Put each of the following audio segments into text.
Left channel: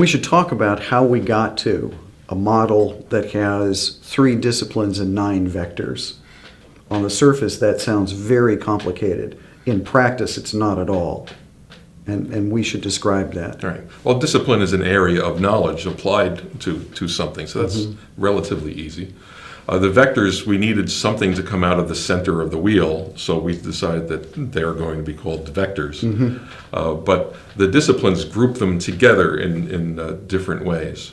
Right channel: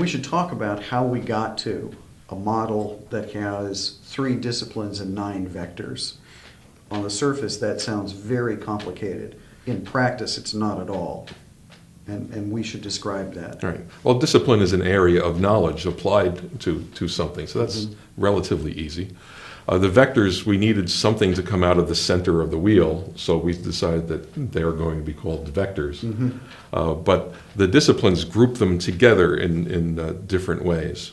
We should talk about how we got to a model that has 3 disciplines and 9 vectors. On the surface, that sounds very complicated. In practice, it's not at all. And we should describe that. All right. Well, discipline is an area of knowledge applied to something, so that's relatively easy. The vectors, we needed something to come out of the center of the wheel, so we decided that they're going to be called the vectors. But the disciplines group them together in different ways.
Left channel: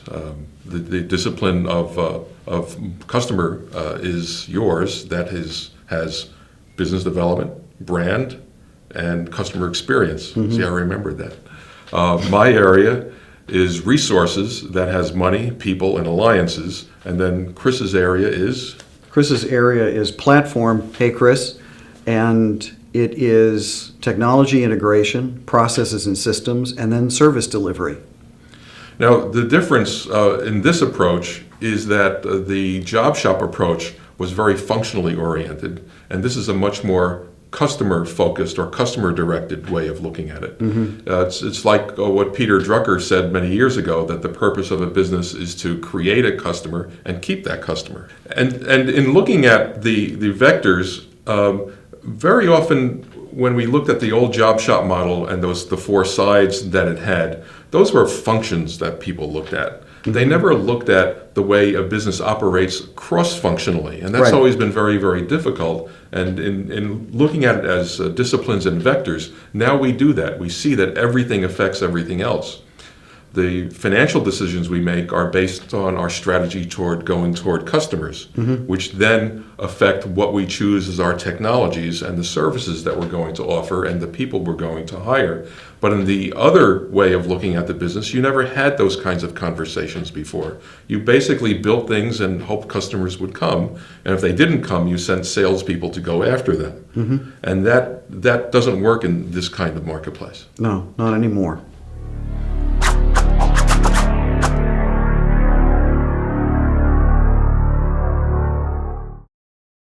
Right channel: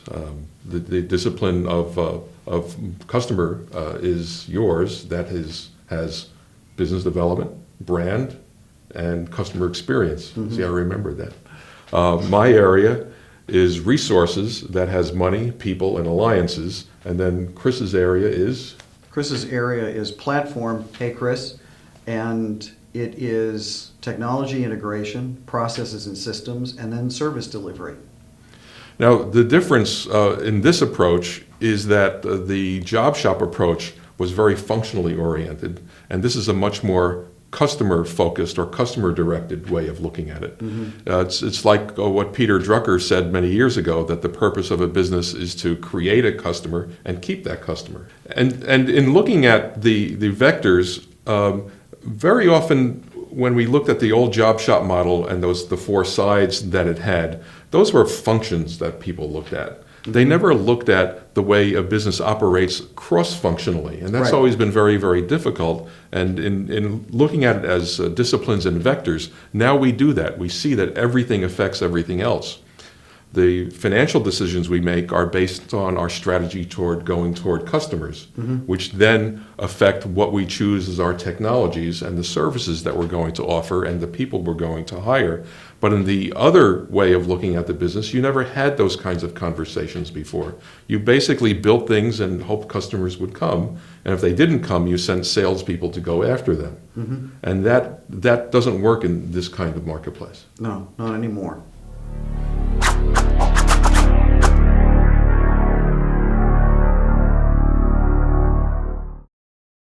The discipline of customer is yours. That has business development, brand, and customer experience. See, I remembered that. My area is resources, that has money, people, and alliances. And then Chris's area is? Chris's area is platform, hey Chris, and it is technology integration, processes and systems, and then service delivery. Now, the difference in this approach is that the job shop approach was very functionally oriented, and this is a much more customer-focused or customer-directed way of looking at it. It's like what Peter Drucker said many years ago, that the purpose of a business is to create a customer and keep that customer. And in looking at the vectors, very often when we looked at the old job shop model and the 4 sides that it had, those were functions that people looked at. They never looked at the way a business operates cross-functionally, and that's always been very, very difficult. And in looking at it as disciplines and vectors, now we do that. We see that everything affects everything else. The financial decisions we make are based on our strategy toward going toward customers, which then affect what we choose as our technologies and the services that we're going to offer and the people we're going to hire. But in the other way of looking at the business, you never had those kinds of conversations before. You basically built things and hoped customers would come, and if they didn't come, you sent salespeople to go after them. And that doesn't work in this kind of marketplace. No, not anymore.